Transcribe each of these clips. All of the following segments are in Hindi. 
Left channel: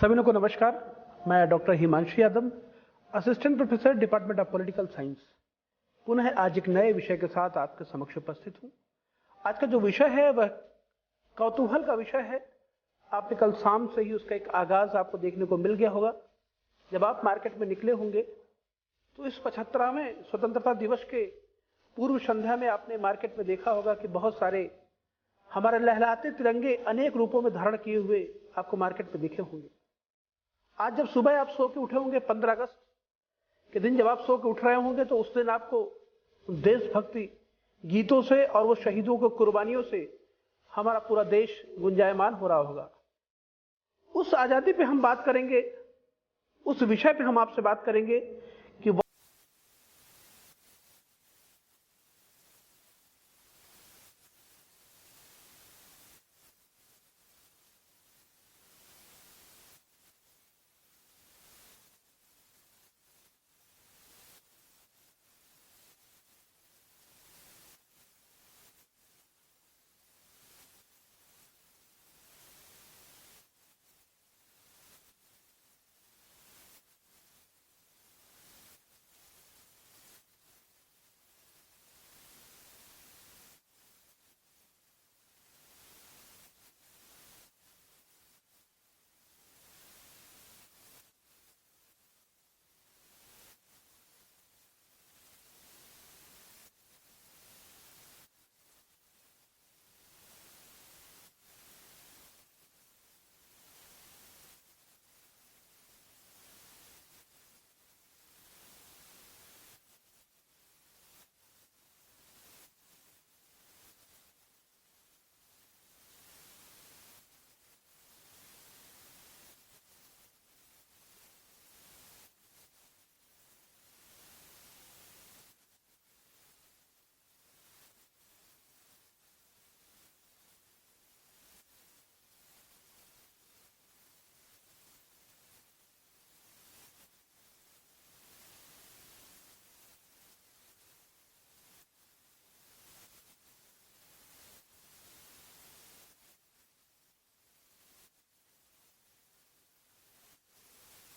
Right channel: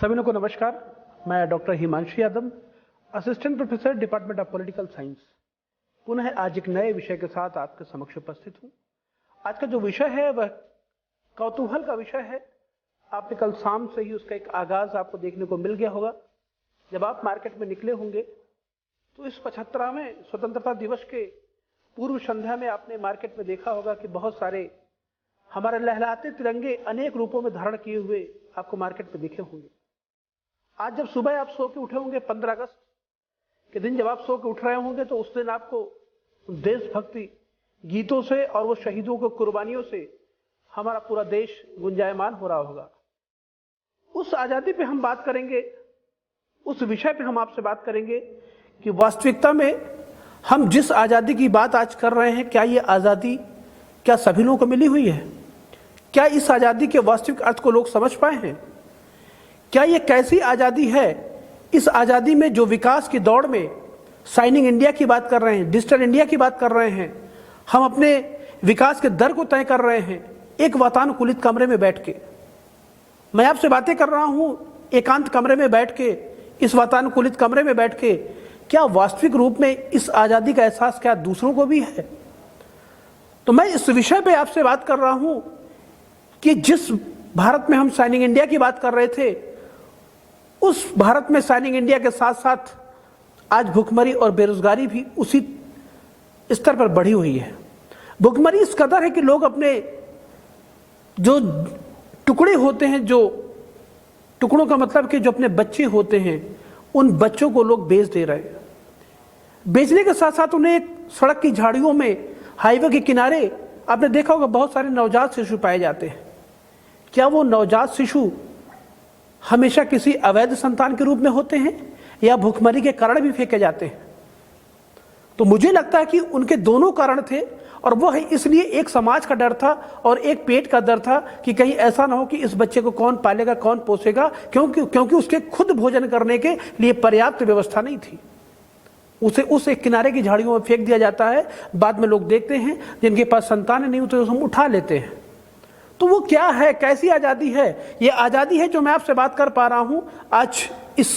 सभी लोगों को नमस्कार। मैं doctor Himanshu Yadav, assistant professor department of political science, पुनः आज एक नए विषय के साथ आपके समक्ष उपस्थित हूं। आज का जो विषय है वह कौतूहल का विषय है। आपने कल शाम से ही उसका एक आगाज आपको देखने को मिल गया होगा। जब आप मार्केट में निकले होंगे तो इस 75वें स्वतंत्रता दिवस के पूर्व संध्या में आपने मार्केट में देखा होगा कि बहुत सारे हमारे लहराते तिरंगे अनेक रूपों में धारण किए हुए आपको मार्केट में दिखे होंगे। आज जब सुबह आप सो के उठे होंगे, 15 अगस्त के दिन जब आप सो के उठ रहे होंगे, तो उस दिन आपको देशभक्ति गीतों से और वो शहीदों की कुर्बानियों से हमारा पूरा देश गुंजायमान हो रहा होगा। उस आजादी पे हम बात करेंगे, उस विषय पे हम आपसे बात करेंगे कि वास्तविकता में हम जिस आजादी की बात आज कर रहे हैं, क्या ये आजादी क्या सभी लोगों को मिली हुई है? क्या इस आजादी के वास्तविक अर्थ को लोग समझ पाए हैं? क्या ये कैसी आजादी है? इस आजादी में जो विकास की दौड़ में शाइनिंग इंडिया की बात कर रहे हैं, डिजिटल इंडिया की बात कर रहे हैं, हम अपने विकास के दर को तय कर रहे हैं एक वातानुकूलित कमरे में बैठ के। मैं आपसे बातें कर रहा हूं एकांत कमरे में बैठ के, इस वातानुकूलित कमरे में बैठ के। क्या वास्तविक रूप में इस आजादी का एहसास क्या दूसरों को भी है? तो मैं इस विषय पे आपसे बात कर रहा हूं कि जिस भारत में हम शाइनिंग इंडिया की बात कर रहे थे, उस भारत में शाइनिंग इंडिया के साथ साथ आज भुखमरी और बेरोजगारी भी उसी स्तर पर बढ़ी हुई है। भुखमरी इस कदर है कि लोग अपने जो टुकड़े होते हैं, जो टुकड़ों का मतलब कि जो अपने बच्चे होते हैं, उन बच्चों को लोग बेच दे रहे हैं। बेचने के साथ साथ उन्हें सड़क की झाड़ियों में, हाईवे के किनारे आपने देखा होगा बहुत सारे नवजात शिशु पाए जाते हैं। क्या वो नवजात शिशु हमेशा किसी अवैध संतान के रूप में होते हैं या भुखमरी के कारण भी फेंके जाते हैं? तो मुझे लगता है कि उनके दोनों कारण थे, और वो है इसलिए एक समाज का डर था और एक पेट का डर था कि कहीं ऐसा ना हो कि इस बच्चे को कौन पालेगा, कौन पोसेगा, क्योंकि उसके खुद भोजन करने के लिए पर्याप्त व्यवस्था नहीं थी। उसे उस एक किनारे की झाड़ियों में फेंक दिया जाता है। बाद में लोग देखते हैं जिनके पास संतान नहीं होते उसे हम उठा लेते हैं। तो वो क्या है, कैसी आजादी है? ये आजादी है जो मैं आपसे बात कर पा रहा हूं आज, इस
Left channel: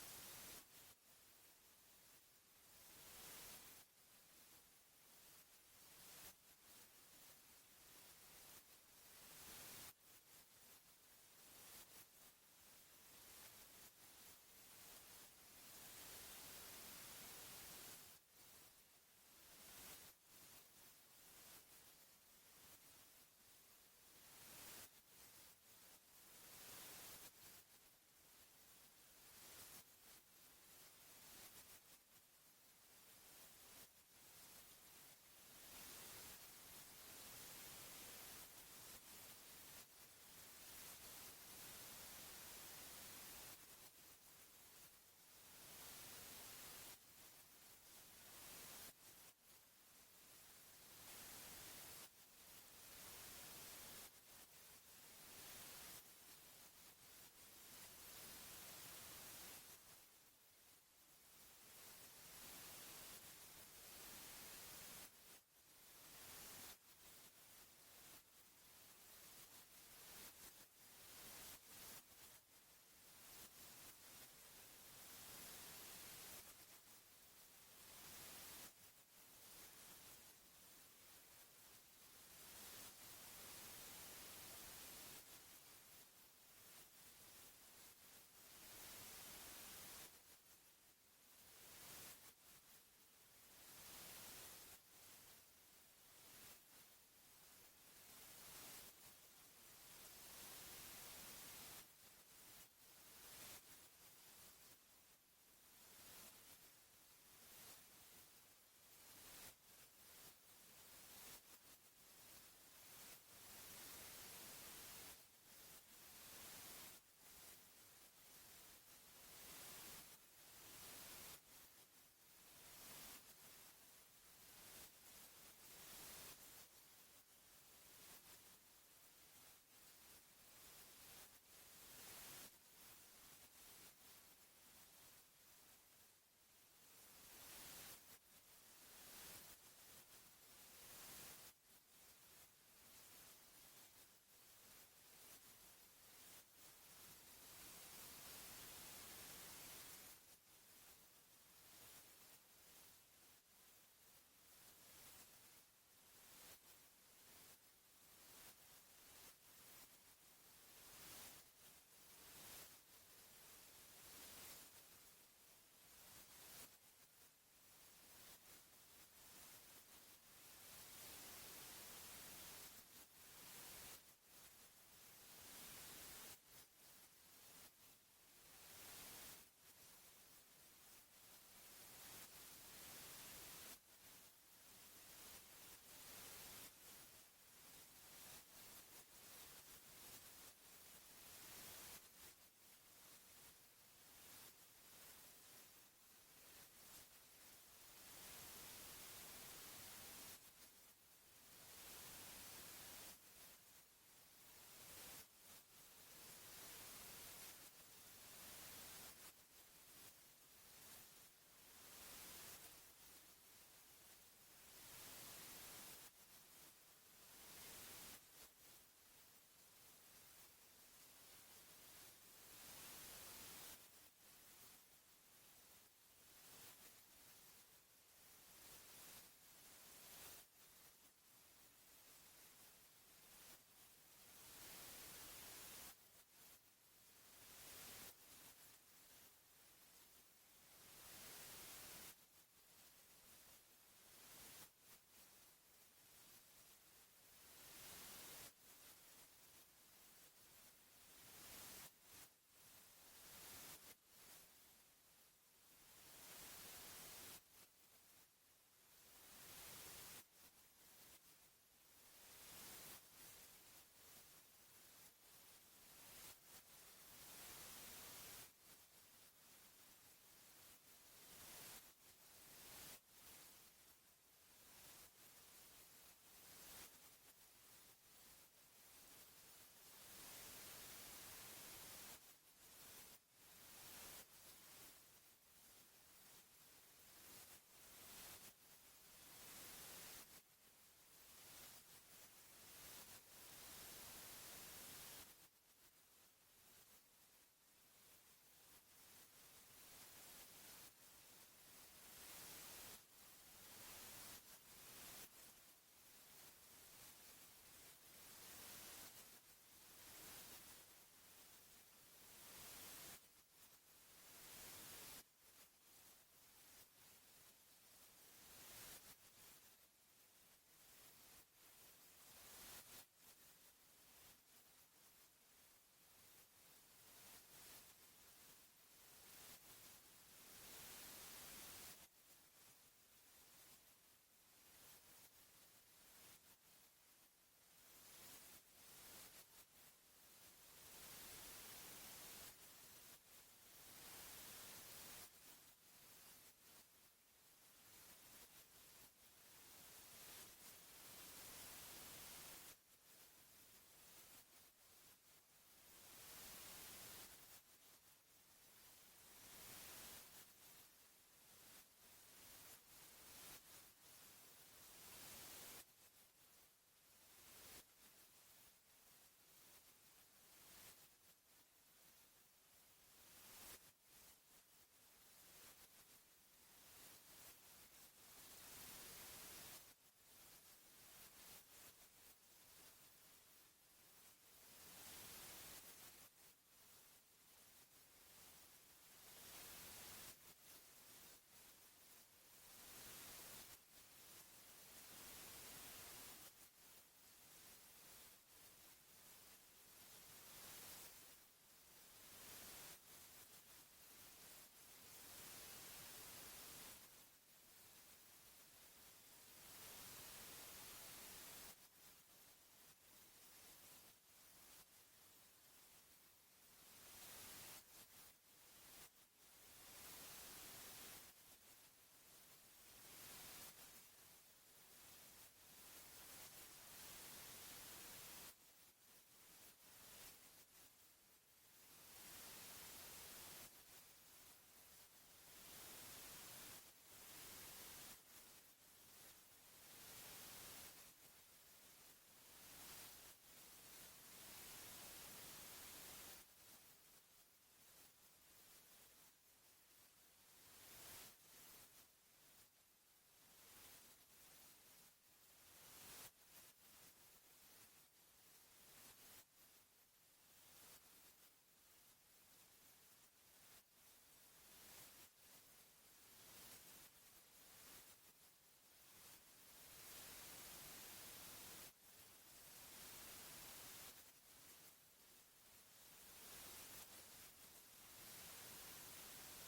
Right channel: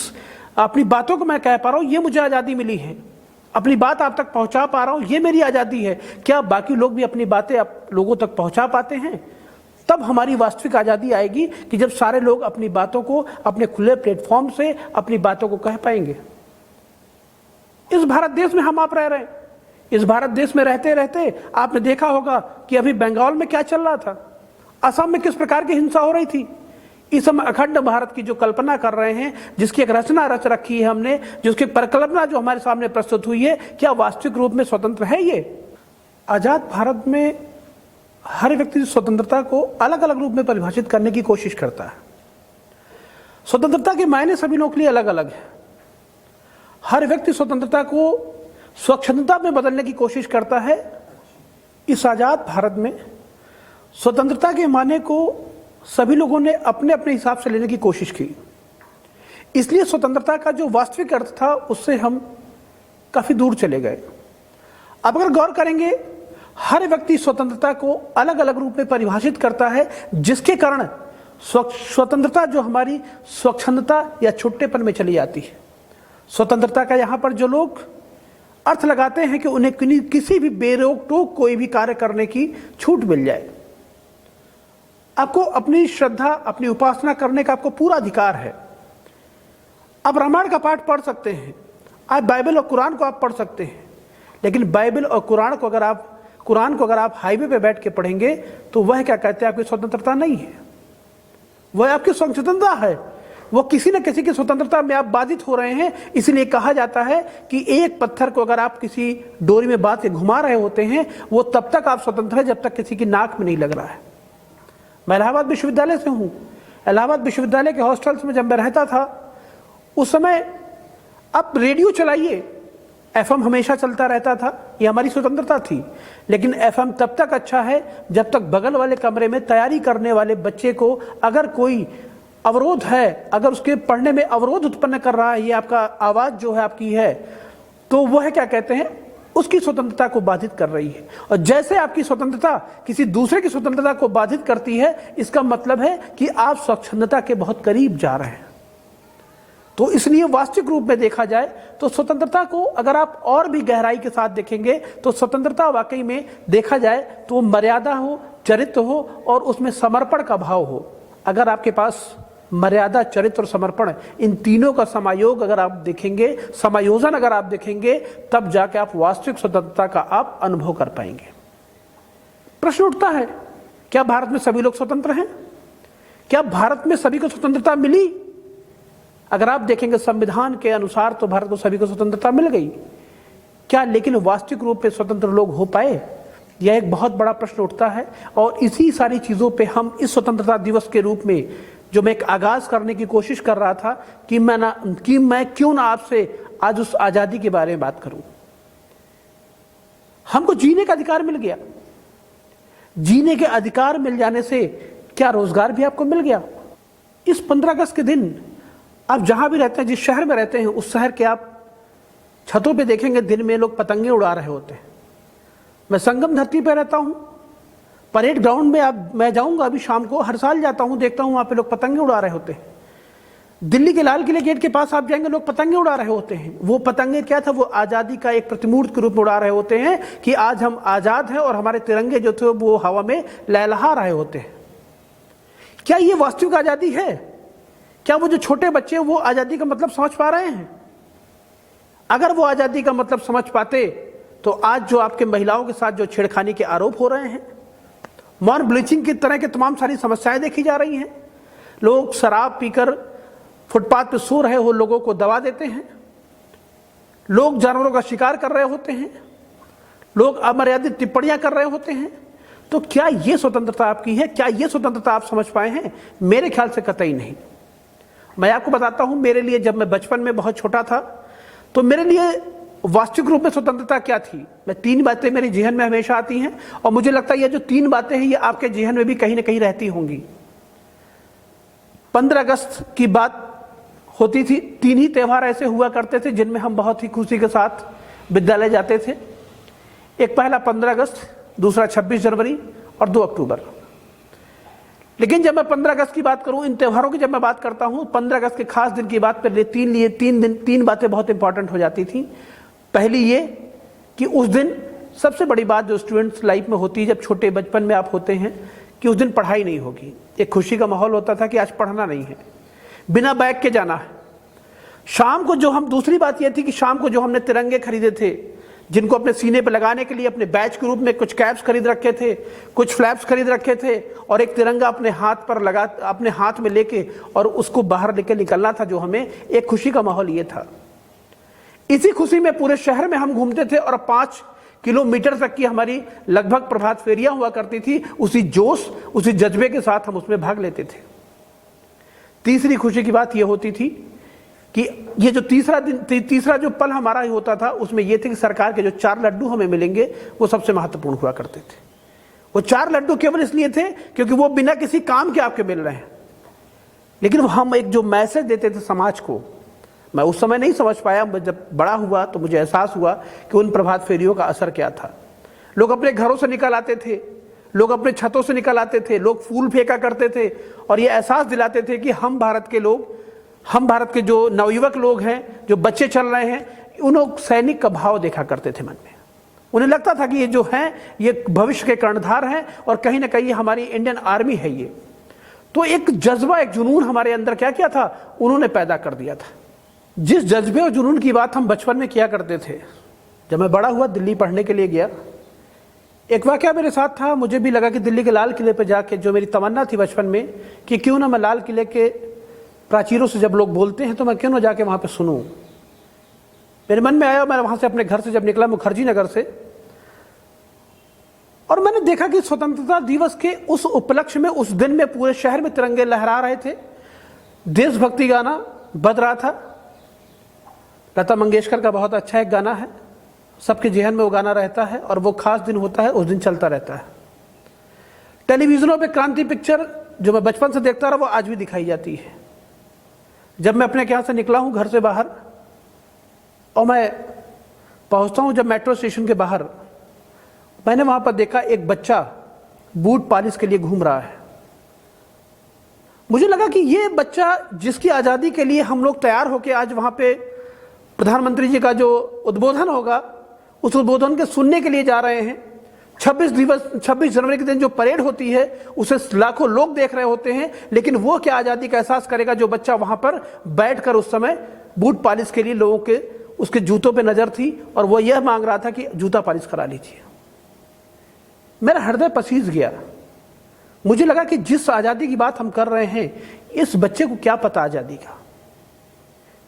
अपनी बातों को मैं कह पा रहा हूं, ये मुझे आजादी मिली है। अपनी बात आप तक पहुंचा पा रहा हूं, ये मेरी आजादी है। क्या बाकी लोग भी अपनी बातें आप लोगों तक पहुंचा पाते हैं? तब हमारी वास्तविक आजादी आएगी कि जब सारे लोग अपनी बातों को अपने खुले प्लेटफॉर्म से अपनी बातों को कह पाएंगे। इस भारत देश में हम आप रह रहे हैं। इस भारत देश में रहते रहते आपने देखा होगा कि अभी बंगाल में क्या चल रहा था, असम में किस प्रकार की हिंसा हो रही थी। इस हम अखंड भारत की जो कल्पना कर रहे हैं, जिसकी एक रचना रच रखी है हमने, जिसकी परिकल्पना जो हमारे सामने प्रस्तुत हुई है, क्या वास्तविक रूप में स्वतंत्र है ये? आजाद भारत में हर व्यक्ति स्वतंत्रता को अलग अलग रूप में परिभाषित करने की कोशिश करता है। स्वतंत्रता के मायने सभी लोगों के लिए अलग अलग है। हर व्यक्ति स्वतंत्रता को स्वच्छंदता में बदलने की कोशिश करता है। इस आजाद भारत में स्वतंत्रता के माने को सभी लोगों ने अपने अपने हिसाब से लेने की कोशिश की। इसलिए स्वतंत्रता का जो वास्तविक अर्थ था उससे हम काफी दूर चले गए। अब अगर गौर करेंगे, हर व्यक्ति स्वतंत्रता को अलग अलग रूप में परिभाषित करता है, जिसके कारण स्वतंत्रता जो हमारी स्वच्छंदता या छुट्टेपन में चली जाती है। स्वतंत्रता का यहां पर जो लोग अर्थ लगाते हैं कि उन्हें किसी भी बेरोक टोक कोई भी कार्य करने की छूट मिल जाए। आपको अपनी श्रद्धा, अपनी उपासना करने का आपको पूरा अधिकार है। आप रामायण का पाठ पढ़ सकते हैं, आप बाइबल और कुरान को आप पढ़ सकते हैं, लेकिन बाइबल और कुरान को अगर आप हाईवे पे बैठ के पढ़ेंगे तो वह क्या कहते हैं, आपकी स्वतंत्रता नहीं है, वह आपकी स्वतंत्रता है। वो किसी न किसी की स्वतंत्रता में आप बाधित हो रहे हैं। इसलिए कहा जाता है कि एक पत्थर को अगर आप किसी डोरी में बांध के घुमा रहे होते हैं, वो तब तक आप स्वतंत्र है जब तक किसी की नाक में नहीं लग रहा है। मैं इलाहाबाद विश्वविद्यालय से हूं। इलाहाबाद विश्वविद्यालय के हॉस्टल्स में जब मैं रहता था, उस समय आप रेडियो चलाइए, एफएम हमेशा चलता रहता था, ये हमारी स्वतंत्रता थी। लेकिन एफएम तब तक अच्छा है जब तक बगल वाले कमरे में तैयारी करने वाले बच्चे को अगर कोई अवरोध है, अगर उसके पढ़ने में अवरोध उत्पन्न कर रहा है, ये आपका आवाज जो है आपकी है, तो वह क्या कहते हैं, उसकी स्वतंत्रता को बाधित कर रही है। और जैसे आपकी स्वतंत्रता किसी दूसरे की स्वतंत्रता को बाधित करती है, इसका मतलब है कि आप स्वच्छंदता के बहुत करीब जा रहे हैं। तो इसलिए वास्तविक रूप में देखा जाए तो स्वतंत्रता को अगर आप और भी गहराई के साथ देखेंगे तो स्वतंत्रता वाकई में देखा जाए तो मर्यादा हो, चरित्र हो और उसमें समर्पण का भाव हो। अगर आपके पास मर्यादा, चरित्र और समर्पण, इन तीनों का समायोग अगर आप देखेंगे, समायोजन अगर आप देखेंगे, तब जाके आप वास्तविक स्वतंत्रता का आप अनुभव कर पाएंगे। प्रश्न उठता है, क्या भारत में सभी लोग स्वतंत्र हैं? क्या भारत में सभी को स्वतंत्रता मिली? अगर आप देखेंगे संविधान के अनुसार तो भारत को सभी को स्वतंत्रता मिल गई। क्या लेकिन वास्तविक रूप में स्वतंत्र लोग हो पाए? यह एक बहुत बड़ा प्रश्न उठता है। और इसी सारी चीजों पे हम इस स्वतंत्रता दिवस के रूप में जो मैं एक आगाज करने की कोशिश कर रहा था कि मैं क्यों ना आपसे आज उस आजादी के बारे में बात करूं। हमको जीने का अधिकार मिल गया। जीने के अधिकार मिल जाने से क्या रोजगार भी आपको मिल गया? इस 15 अगस्त के दिन आप जहां भी रहते हैं, जिस शहर में रहते हैं, उस शहर के आप छतों पे देखेंगे दिन में लोग पतंगे उड़ा रहे होते हैं। मैं संगम धरती पे रहता हूं, परेड ग्राउंड में मैं जाऊंगा अभी शाम को, हर साल जाता हूं, देखता हूं वहां पे लोग पतंगे उड़ा रहे होते हैं। दिल्ली के लाल किले गेट के पास आप जाएंगे, लोग पतंगे उड़ा रहे होते हैं। वो पतंगे क्या था? वो आजादी का एक प्रतिमूर्त के रूप में उड़ा रहे होते हैं कि आज हम आजाद हैं और हमारे तिरंगे जो थे वो हवा में लहलहा रहे होते हैं। क्या ये वास्तविक आजादी है? क्या वो जो छोटे बच्चे वो आजादी का मतलब समझ पा रहे हैं? अगर वो आजादी का मतलब समझ पाते तो आज जो आपके महिलाओं के साथ जो छेड़खानी के आरोप हो रहे हैं, मॉर्न ब्लीचिंग की तरह के तमाम सारी समस्याएं देखी जा रही हैं, लोग शराब पीकर फुटपाथ पे सो रहे हो, लोगों को दबा देते हैं, लोग जानवरों का शिकार कर रहे होते हैं, लोग अमर्यादित टिप्पणियां कर रहे होते हैं, तो क्या ये स्वतंत्रता आपकी है? क्या ये स्वतंत्रता आप समझ पाए हैं? मेरे ख्याल से कतई नहीं। मैं आपको बताता हूं, मेरे लिए जब मैं बचपन में बहुत छोटा था तो मेरे लिए वास्तविक रूप में स्वतंत्रता क्या थी। मैं 3 बातें मेरे जेहन में हमेशा आती हैं और मुझे लगता है ये जो 3 बातें हैं ये आपके जेहन में भी कहीं ना कहीं रहती होंगी। 15 अगस्त की बात होती थी। 3 ही त्यौहार ऐसे हुआ करते थे जिनमें हम बहुत ही खुशी के साथ विद्यालय जाते थे। एक पहला 15 अगस्त, दूसरा 26 जनवरी और 2 अक्टूबर। लेकिन जब मैं 15 अगस्त की बात करूं, इन त्योहारों की जब मैं बात करता हूं, 15 अगस्त के खास दिन की बात पर 3 बातें बहुत इंपॉर्टेंट हो जाती थी। पहली ये कि उस दिन सबसे बड़ी बात जो स्टूडेंट्स लाइफ में होती है, जब छोटे बचपन में आप होते हैं, कि उस दिन पढ़ाई नहीं होगी। एक खुशी का माहौल होता था कि आज पढ़ना नहीं है, बिना बैग के जाना है। शाम को जो हम दूसरी बात यह थी कि शाम को जो हमने तिरंगे खरीदे थे, जिनको अपने सीने पर लगाने के लिए अपने बैच के रूप में कुछ कैप्स खरीद रखे थे, कुछ फ्लैप्स खरीद रखे थे और एक तिरंगा अपने हाथ पर लगा, अपने हाथ में लेके और उसको बाहर लेके निकलना था, जो हमें एक खुशी का माहौल ये था। इसी खुशी में पूरे शहर में हम घूमते थे और 5 किलोमीटर तक की हमारी लगभग प्रभात फेरियां हुआ करती थी। उसी जोश, उसी जज्बे के साथ हम उसमें भाग लेते थे। तीसरी खुशी की बात यह होती थी कि ये जो तीसरा जो पल हमारा ही होता था, उसमें यह थे कि सरकार के जो 4 लड्डू हमें मिलेंगे वो सबसे महत्वपूर्ण हुआ करते थे। वो 4 लड्डू केवल इसलिए थे क्योंकि वो बिना किसी काम के आपके मिल रहे हैं, लेकिन हम एक जो मैसेज देते थे समाज को, मैं उस समय नहीं समझ पाया। जब बड़ा हुआ तो मुझे एहसास हुआ कि उन प्रभात फेरियों का असर क्या था। लोग अपने घरों से निकल आते थे, लोग अपने छतों से निकल आते थे, लोग फूल फेंका करते थे और ये एहसास दिलाते थे कि हम भारत के लोग, हम भारत के जो नवयुवक लोग हैं, जो बच्चे चल रहे हैं, उन्होंने सैनिक का भाव देखा करते थे मन में। उन्हें लगता था कि ये जो हैं ये भविष्य के कर्णधार हैं और कहीं ना कहीं हमारी इंडियन आर्मी है ये। तो एक जज्बा, एक जुनून हमारे अंदर क्या क्या था, उन्होंने पैदा कर दिया था। जिस जज्बे और जुनून की बात हम बचपन में किया करते थे, जब मैं बड़ा हुआ दिल्ली पढ़ने के लिए गया, एक वाकया मेरे साथ था। मुझे भी लगा कि दिल्ली के लाल किले पर जाके, जो मेरी तमन्ना थी बचपन में कि क्यों ना मैं लाल किले के प्राचीरों से जब लोग बोलते हैं तो मैं क्यों ना जाके वहां पे सुनूं। मेरे मन में आया, मैं वहां से अपने घर से जब निकला मुखर्जी नगर से, और मैंने देखा कि स्वतंत्रता दिवस के उस उपलक्ष्य में, उस दिन में पूरे शहर में तिरंगे लहरा रहे थे। देशभक्ति गाना बज रहा था। लता मंगेशकर का बहुत अच्छा एक गाना है, सबके जेहन में वो गाना रहता है और वो खास दिन होता है, उस दिन चलता रहता है। टेलीविजनों पे क्रांति पिक्चर जो मैं बचपन से देखता रहा वो आज भी दिखाई जाती है। जब मैं अपने यहाँ से निकला हूं घर से बाहर और मैं पहुंचता हूं जब मेट्रो स्टेशन के बाहर, मैंने वहां पर देखा एक बच्चा बूट पॉलिश के लिए घूम रहा है। मुझे लगा कि ये बच्चा जिसकी आज़ादी के लिए हम लोग तैयार होकर आज वहाँ पे प्रधानमंत्री जी का जो उद्बोधन होगा उस उद्बोधन के सुनने के लिए जा रहे हैं। 26 जनवरी के दिन जो परेड होती है उसे लाखों लोग देख रहे होते हैं, लेकिन वो क्या आज़ादी का एहसास करेगा जो बच्चा वहाँ पर बैठकर उस समय बूट पॉलिश के लिए लोगों के उसके जूतों पे नज़र थी और वो यह मांग रहा था कि जूता पॉलिश करा लीजिए। मेरा हृदय पसीज गया। मुझे लगा कि जिस आज़ादी की बात हम कर रहे हैं इस बच्चे को क्या पता आज़ादी का,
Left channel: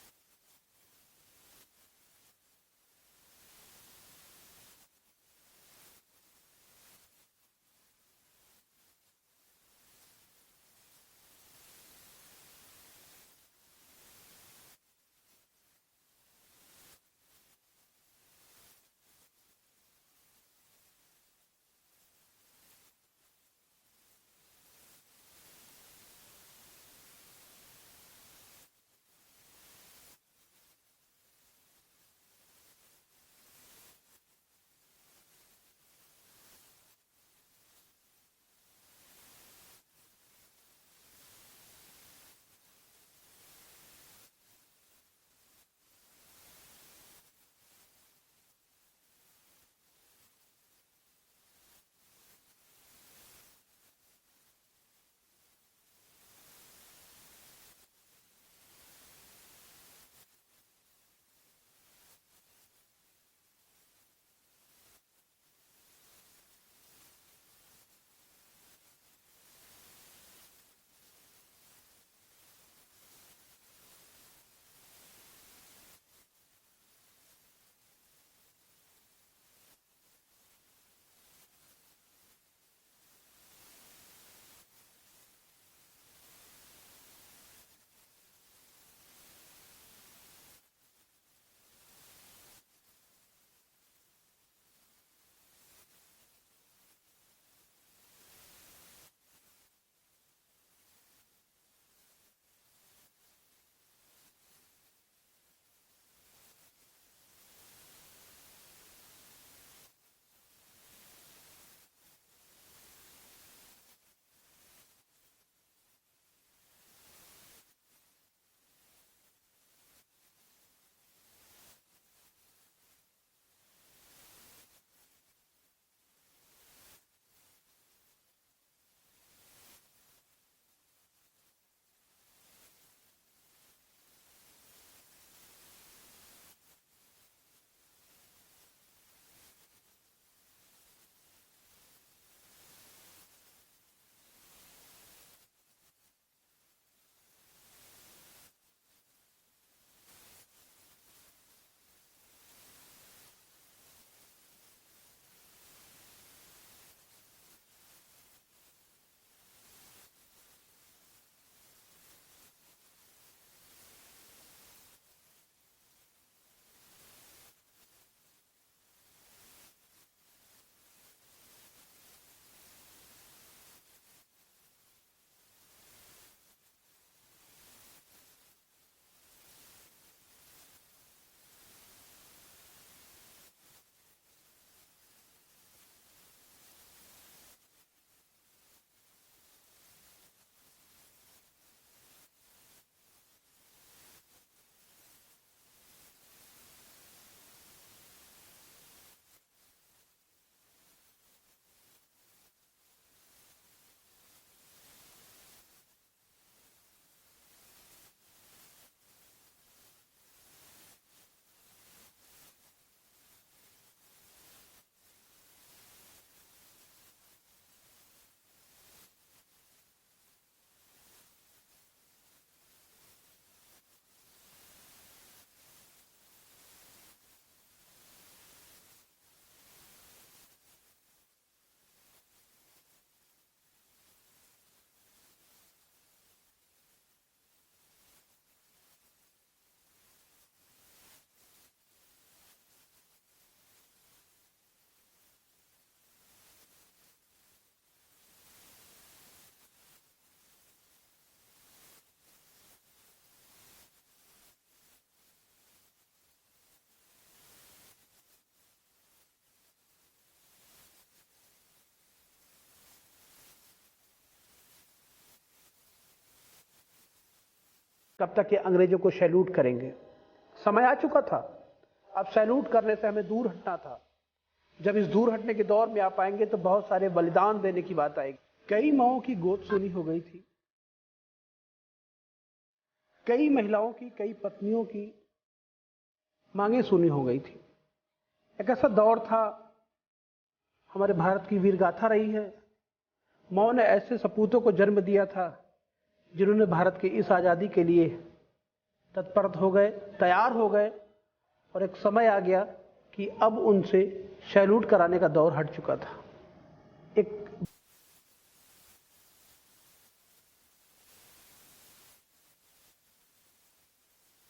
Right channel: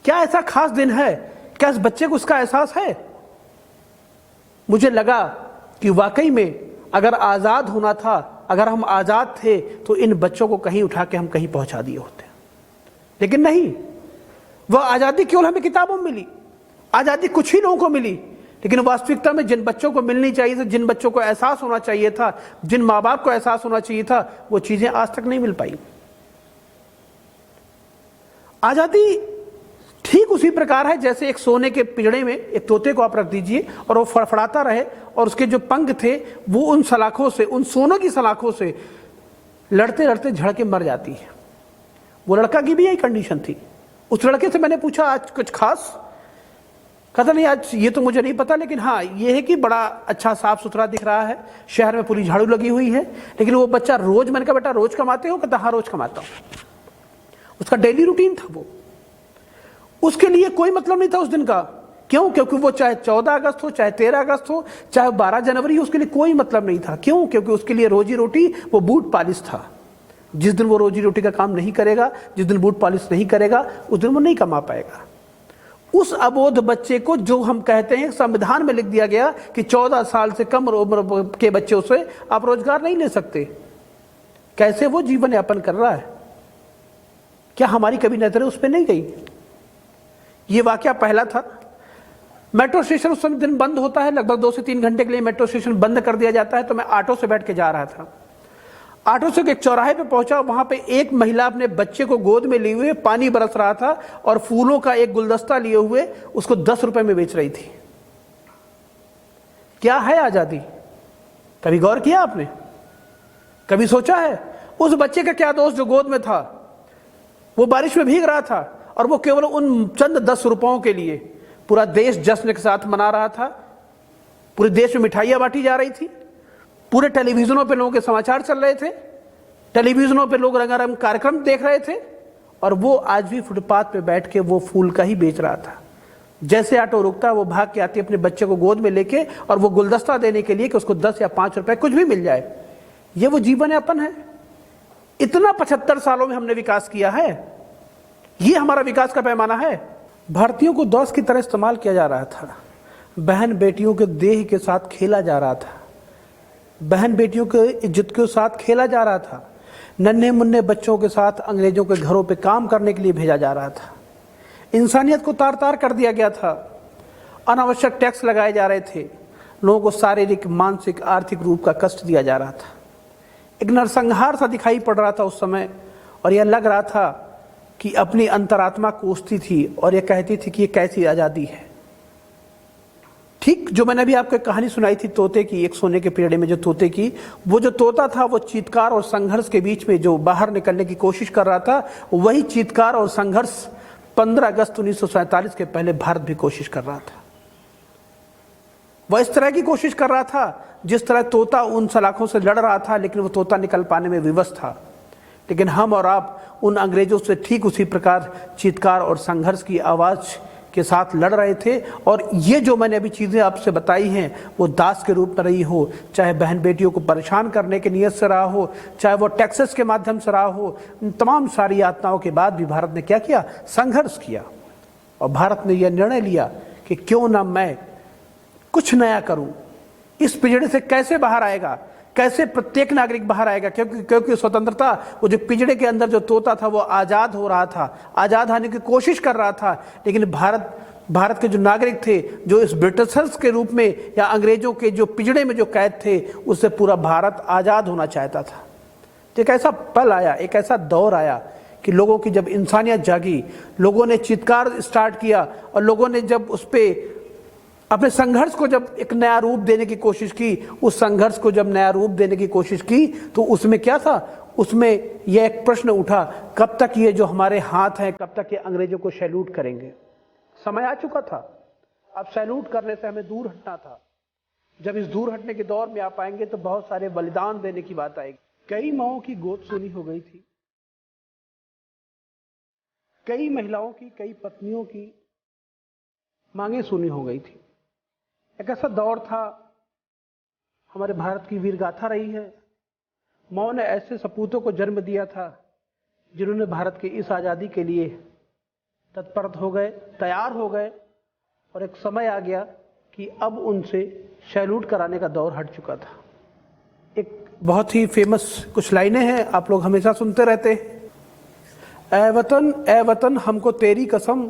क्या ऐसा खास दिन है, क्या इस बच्चे को उसका एहसास है? मुझे लगा कि वाकई में अगर आज़ाद होना था, अगर हम आज़ाद थे तो इन बच्चों को कहीं उठा के हम कहीं पहुंचा दिए होते, लेकिन नहीं। वह आज़ादी केवल हमें किताबों में मिली, आज़ादी कुछ ही लोगों को मिली, लेकिन वास्तविकता में जिन बच्चों को मिलनी चाहिए थी, जिन बच्चों को एहसास होना चाहिए था, जिन माँ बाप को एहसास होना चाहिए था, वो चीज़ें आज तक नहीं मिल पाई। आज़ादी ठीक उसी प्रकार है जैसे एक सोने के पिंजड़े में एक तोते को आप रख दीजिए और वो फड़फड़ाता रहे और उसके जो पंख थे वो उन सलाखों से, उन सोने की सलाखों से लड़ते लड़ते झड़ के मर जाती है। वो लड़का की भी यही कंडीशन थी। उस लड़के से मैंने पूछा आज कुछ खास? कहता नहीं आज ये तो मुझे नहीं पता, लेकिन हाँ ये है कि बड़ा अच्छा साफ सुथरा दिख रहा है, शहर में पूरी झाड़ू लगी हुई है। लेकिन वो बच्चा रोज, मैंने कहा बेटा रोज कमाते हो? कहता हाँ रोज कमाता हूँ। उसका डेली रूटीन था वो। उसके लिए कोई मतलब नहीं था उस दिन का। क्यों? क्योंकि वो चाहे 14 अगस्त हो, चाहे 13 अगस्त हो, चाहे 12 जनवरी हो, उसके लिए कोई मतलब नहीं था। क्यों? क्योंकि उसके लिए रोजी रोटी वो बूट पॉलिश था। जिस दिन वो रोजी रोटी का काम नहीं करेगा, जिस दिन बूट पॉलिश नहीं करेगा, उस दिन वो नहीं कमा पाएगा। उस अबोध बच्चे को जो हम कहते हैं संविधान में लिख दिया गया कि 14 साल से कम उम्र के बच्चों से आप रोजगार नहीं ले सकते, कैसे वो जीवन यापन कर रहा है? क्या हमारी कभी नजरें उस पर नहीं गई? ये वाकया पहला था। मेट्रो स्टेशन उस समय दिन बंद होता है, लगभग 2 से 3 घंटे के लिए मेट्रो स्टेशन बंद कर दिया जाता है। तो मैं ऑटो से बैठ के जा रहा था। ऑटो से एक चौराहे पे पहुंचा, वहां पे एक महिला अपने बच्चे को गोद में लिए हुए पानी बरस रहा था और फूलों का एक गुलदस्ता लिए हुए उसको 10 रुपए में बेच रही थी। क्या है आजादी? कभी गौर किया आपने? कभी सोचा है उस बच्चे का क्या दोष जो गोद में था? वो बारिश में भीग रहा था और वो केवल उन चंद 10 रुपयों के लिए पूरा देश जश्न के साथ मना रहा था। पूरे देश में मिठाइयां बांटी जा रही थी, पूरे टेलीविजनों पे लोगों के समाचार चल रहे थे, टेलीविजनों पे लोग रंगारंग कार्यक्रम देख रहे थे, और वो आज भी फुटपाथ पे बैठ के वो फूल का ही बेच रहा था। जैसे ऑटो रुकता वो भाग के आती अपने बच्चे को गोद में लेके और वो गुलदस्ता देने के लिए कि उसको 10 या 5 रुपए कुछ भी मिल जाए। ये वो जीवन यापन है? इतना 75 सालों में हमने विकास किया है? ये हमारा विकास का पैमाना है? भारतीयों को दौस की तरह इस्तेमाल किया जा रहा था। बहन बेटियों के देह के साथ खेला जा रहा था, बहन बेटियों के इज्जत के साथ खेला जा रहा था। नन्हे मुन्ने बच्चों के साथ अंग्रेजों के घरों पे काम करने के लिए भेजा जा रहा था। इंसानियत को तार तार कर दिया गया था। अनावश्यक टैक्स लगाए जा रहे थे। लोगों को शारीरिक, मानसिक, आर्थिक रूप का कष्ट दिया जा रहा था। एक नरसंहार सा दिखाई पड़ रहा था उस समय, और यह लग रहा था कि अपनी अंतरात्मा कोसती थी और यह कहती थी कि ये कैसी आज़ादी है। ठीक जो मैंने अभी आपको कहानी सुनाई थी तोते की, एक सोने के पिंजड़े में जो तोते की, वो जो तोता था वो चीत्कार और संघर्ष के बीच में जो बाहर निकलने की कोशिश कर रहा था, वही चीत्कार और संघर्ष 15 अगस्त 1947 के पहले भारत भी कोशिश कर रहा था। वह इस तरह की कोशिश कर रहा था जिस तरह तोता उन सलाखों से लड़ रहा था, लेकिन वो तोता निकल पाने में विवश था। लेकिन हम और आप उन अंग्रेजों से ठीक उसी प्रकार चीत्कार और संघर्ष की आवाज के साथ लड़ रहे थे। और ये जो मैंने अभी चीज़ें आपसे बताई हैं वो दास के रूप में रही हो, चाहे बहन बेटियों को परेशान करने की नीयत से रहा हो, चाहे वो टैक्सेस के माध्यम से रहा हो, इन तमाम सारी यातनाओं के बाद भी भारत ने क्या किया? संघर्ष किया। और भारत ने यह निर्णय लिया कि क्यों ना मैं कुछ नया करूं। इस पिंजड़े से कैसे बाहर आएगा, कैसे प्रत्येक नागरिक बाहर आएगा? क्योंकि स्वतंत्रता, वो जो पिंजड़े के अंदर जो तोता था वो आज़ाद हो रहा था, आज़ाद होने की कोशिश कर रहा था। लेकिन भारत के जो नागरिक थे, जो इस ब्रिटिशर्स के रूप में या अंग्रेजों के जो पिंजड़े में जो कैद थे, उससे पूरा भारत आज़ाद होना चाहता था। तो एक ऐसा पल आया, एक ऐसा दौर आया कि लोगों की जब इंसानियत जागी, लोगों ने चित्कार स्टार्ट किया और लोगों ने जब उस पर अपने संघर्ष को जब एक नया रूप देने की कोशिश की, उस संघर्ष को जब नया रूप देने की कोशिश की तो उसमें क्या था? उसमें यह एक प्रश्न उठा, कब तक ये जो हमारे हाथ हैं, कब तक ये अंग्रेजों को सैल्यूट करेंगे। समय आ चुका था, अब सैल्यूट करने से हमें दूर हटना था। जब इस दूर हटने के दौर में आप आएंगे तो बहुत सारे बलिदान देने की बात आएगी। कई माओं की गोद सुनी हो गई थी, कई महिलाओं की, कई पत्नियों की मांगे सुनी हो गई थी। एक ऐसा दौर था, हमारे भारत की वीर गाथा रही है। माओ ने ऐसे सपूतों को जन्म दिया था जिन्होंने भारत की इस आज़ादी के लिए तत्पर हो गए, तैयार हो गए, और एक समय आ गया कि अब उनसे सैल्यूट कराने का दौर हट चुका था। एक बहुत ही फेमस कुछ लाइनें हैं, आप लोग हमेशा सुनते रहते हैं। ए वतन हमको तेरी कसम,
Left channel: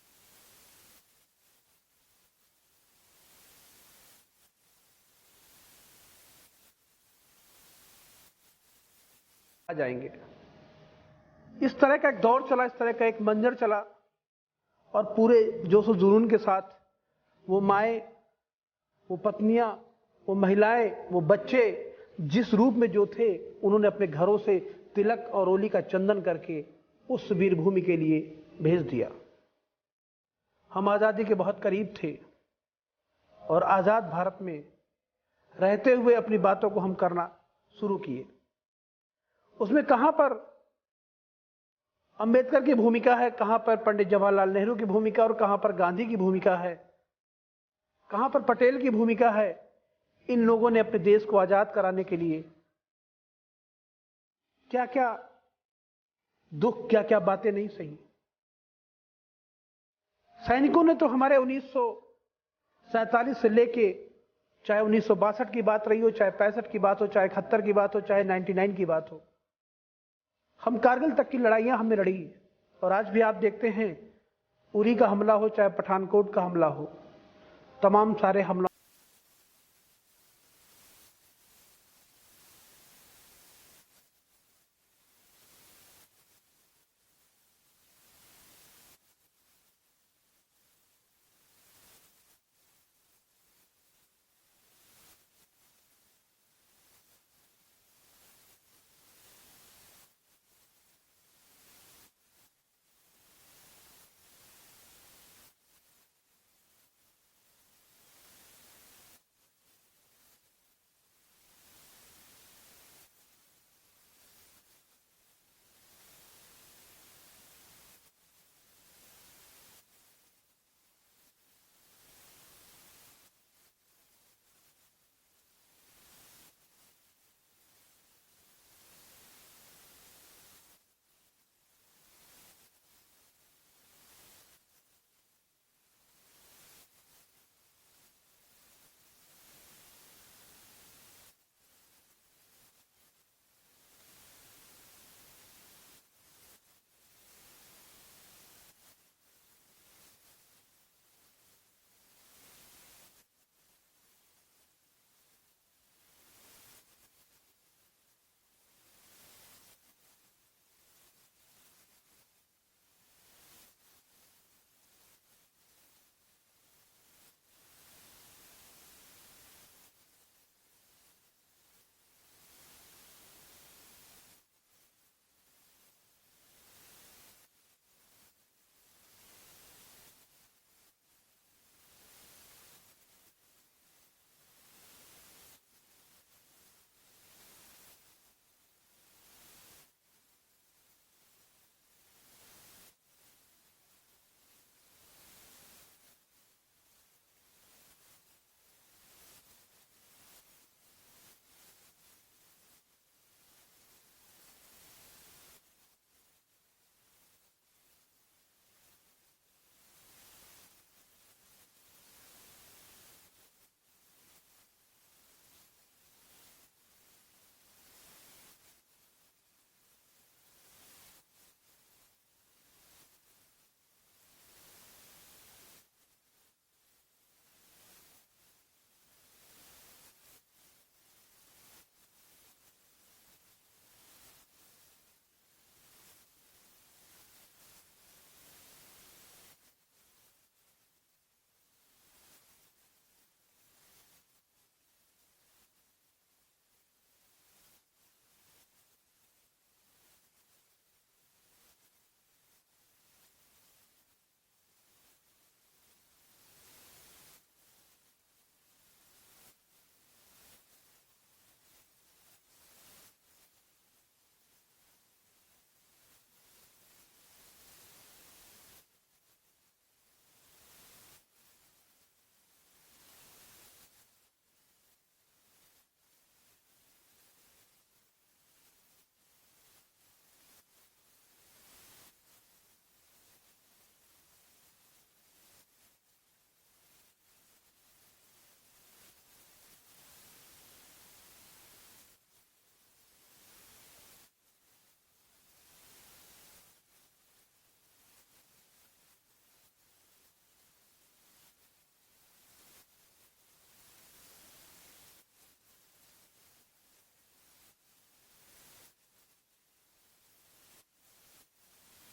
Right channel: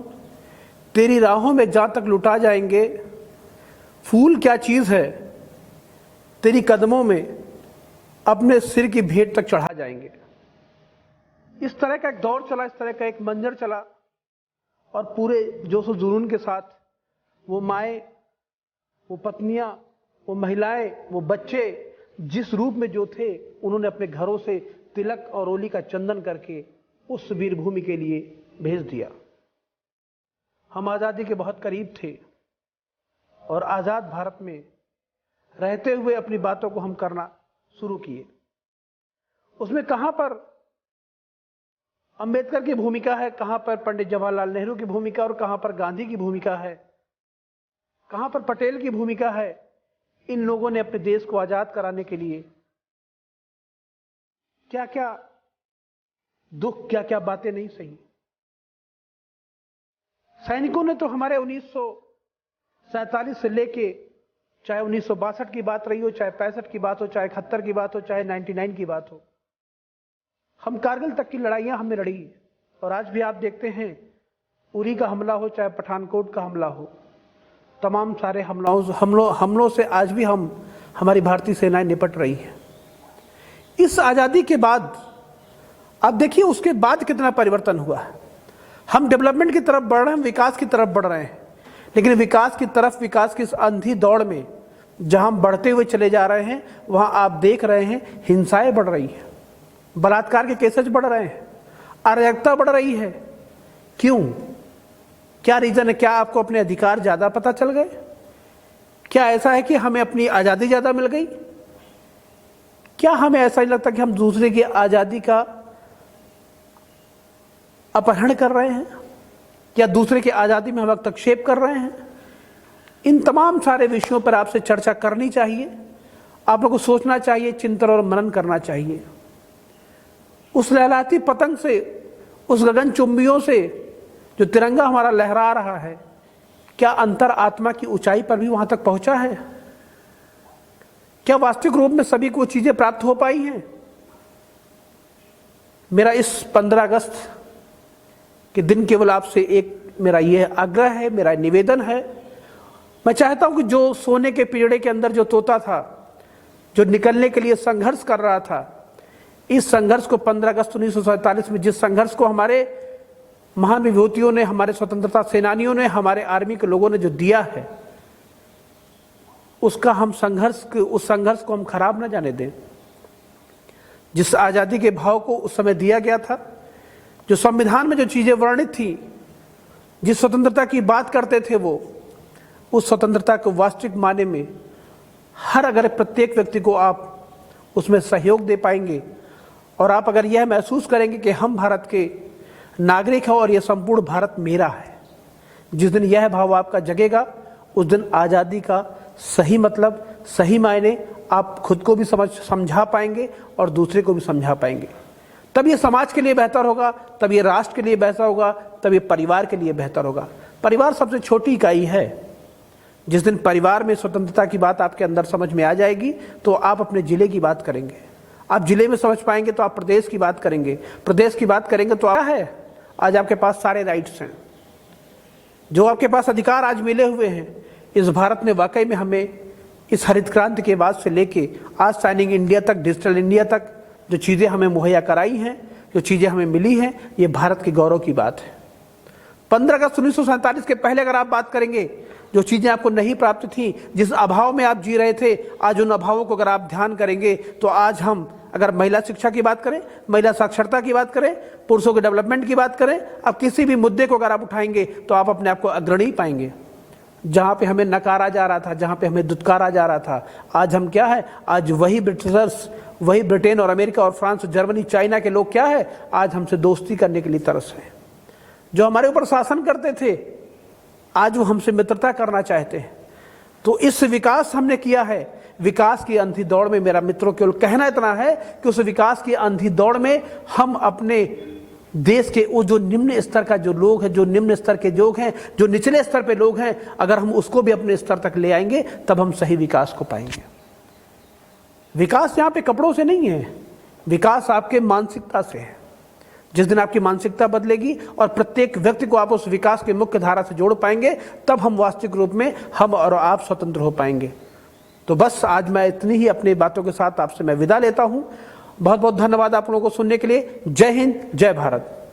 तेरी राहों में जहाँ तक लुटा जाएंगे, फूल क्या चीज़ है तेरी कदमों में, अपने सिर की भेंट तक चढ़ा जाएंगे। इस तरह का एक दौर चला, इस तरह का एक मंजर चला, और पूरे जोश और जुनून के साथ वो माएँ, वो पत्नियां, वो महिलाएं, वो बच्चे जिस रूप में जो थे, उन्होंने अपने घरों से तिलक और रोली का चंदन करके उस वीर भूमि के लिए भेज दिया। हम आज़ादी के बहुत करीब थे और आज़ाद भारत में रहते हुए अपनी बातों को हम करना शुरू किए। उसमें कहां पर अंबेडकर की भूमिका है, कहां पर पंडित जवाहरलाल नेहरू की भूमिका, और कहां पर गांधी की भूमिका है, कहां पर पटेल की भूमिका है। इन लोगों ने अपने देश को आजाद कराने के लिए क्या क्या दुख, क्या क्या बातें नहीं सही। सैनिकों ने तो हमारे 1947 से लेके, चाहे 1962 की बात रही हो, चाहे 65 की बात हो, चाहे 71 की बात हो, चाहे 99 की बात हो, हम कारगिल तक की लड़ाइयां हमने लड़ी। और आज भी आप देखते हैं, उरी का हमला हो, चाहे पठानकोट का हमला हो, तमाम सारे हमलों से आज भी हमारी भारतीय सेनाएं निपट रही है। इस आज़ादी के बाद आप देखिए उसके बाद कितना परिवर्तन हुआ है। हम डेवलपमेंट की तरफ बढ़ रहे हैं, विकास की तरफ बढ़ रहे हैं, लेकिन विकास की इस अंधी दौड़ में जहां हम बढ़ते हुए चले जा रहे हैं, वहां आप देख रहे हैं हिंसाएं बढ़ रही हैं, बलात्कार के केसेस बढ़ रहे हैं, अराजकता बढ़ रही है। क्यों? क्या रीजन है? क्या आपको अपने अधिकार ज्यादा पता चल गए? क्या ऐसा है कि हमें अपनी आजादी ज्यादा मिल गई? क्या हमें ऐसा ही लगता कि हम दूसरे की आजादी का अपहरण कर रहे हैं, या दूसरे की आजादी में हम हस्तक्षेप कर रहे हैं? इन तमाम सारे विषयों पर आपसे चर्चा करनी चाहिए, आप लोगों को सोचना चाहिए, चिंतन और मनन करना चाहिए। उस लहलाती पतंग से, उस गगन चुंबियों से जो तिरंगा हमारा लहरा रहा है, क्या अंतर आत्मा की ऊंचाई पर भी वहां तक पहुंचा है? क्या वास्तविक रूप में सभी को चीजें प्राप्त हो पाई हैं? मेरा इस 15 अगस्त के दिन केवल आपसे एक मेरा यह आग्रह है, मेरा निवेदन है। मैं चाहता हूं कि जो सोने के पिंजड़े के अंदर जो तोता था, जो निकलने के लिए संघर्ष कर रहा था, इस संघर्ष को 15 अगस्त 1947 में, जिस संघर्ष को हमारे महान विभूतियों ने, हमारे स्वतंत्रता सेनानियों ने, हमारे आर्मी के लोगों ने जो दिया है, उसका उस संघर्ष को हम खराब ना जाने दें। जिस आजादी के भाव को उस समय दिया गया था, जो संविधान में जो चीजें वर्णित थी, जिस स्वतंत्रता की बात करते थे, वो उस स्वतंत्रता को वास्तविक माने में अगर प्रत्येक व्यक्ति को आप उसमें सहयोग दे पाएंगे, और आप अगर यह महसूस करेंगे कि हम भारत के नागरिक हैं और यह संपूर्ण भारत मेरा है, जिस दिन यह भाव आपका जगेगा, उस दिन आज़ादी का सही मतलब, सही मायने आप खुद को भी समझा पाएंगे और दूसरे को भी समझा पाएंगे। तब ये समाज के लिए बेहतर होगा, तब ये राष्ट्र के लिए बेहतर होगा, तब ये परिवार के लिए बेहतर होगा। परिवार सबसे छोटी इकाई है। जिस दिन परिवार में स्वतंत्रता की बात आपके अंदर समझ में आ जाएगी, तो आप अपने जिले की बात करेंगे, आप जिले में समझ पाएंगे तो आप प्रदेश की बात करेंगे, प्रदेश की बात करेंगे तो क्या है, आज आपके पास सारे राइट्स हैं, जो आपके पास अधिकार आज मिले हुए हैं। इस भारत ने वाकई में हमें इस हरित क्रांति के बाद से लेके आज साइनिंग इंडिया तक, डिजिटल इंडिया तक जो चीज़ें हमें मुहैया कराई हैं, जो चीज़ें हमें मिली हैं, ये भारत के गौरव की बात है। 15 अगस्त 1947 के पहले अगर आप बात करेंगे, जो चीज़ें आपको नहीं प्राप्त थी, जिस अभाव में आप जी रहे थे, आज उन अभावों को अगर आप ध्यान करेंगे तो आज हम अगर महिला शिक्षा की बात करें, महिला साक्षरता की बात करें, पुरुषों के डेवलपमेंट की बात करें, अब किसी भी मुद्दे को अगर आप उठाएंगे तो आप अपने आप को अग्रणी पाएंगे। जहां पे हमें नकारा जा रहा था, जहां पे हमें दुत्कारा जा रहा था, आज हम क्या है, आज वही ब्रिटिशर्स, वही ब्रिटेन और अमेरिका और फ्रांस और जर्मनी, चाइना के लोग क्या है, आज हमसे दोस्ती करने के लिए तरस है। जो हमारे ऊपर शासन करते थे, आज वो हमसे मित्रता करना चाहते हैं। तो इस विकास हमने किया है, विकास की अंधी दौड़ में मेरा मित्रों केवल कहना इतना है कि उस विकास की अंधी दौड़ में हम अपने देश के वो जो निम्न स्तर का जो लोग हैं, जो निम्न स्तर के लोग हैं, जो निचले स्तर पे लोग हैं, अगर हम उसको भी अपने स्तर तक ले आएंगे तब हम सही विकास को पाएंगे। विकास यहाँ पे कपड़ों से नहीं है, विकास आपके मानसिकता से है। जिस दिन आपकी मानसिकता बदलेगी और प्रत्येक व्यक्ति को आप उस विकास के मुख्य धारा से जोड़ पाएंगे, तब हम वास्तविक रूप में हम और आप स्वतंत्र हो पाएंगे। तो बस आज मैं इतनी ही अपनी बातों के साथ आपसे मैं विदा लेता हूं। बहुत बहुत धन्यवाद आप लोगों को सुनने के लिए। जय हिंद, जय भारत।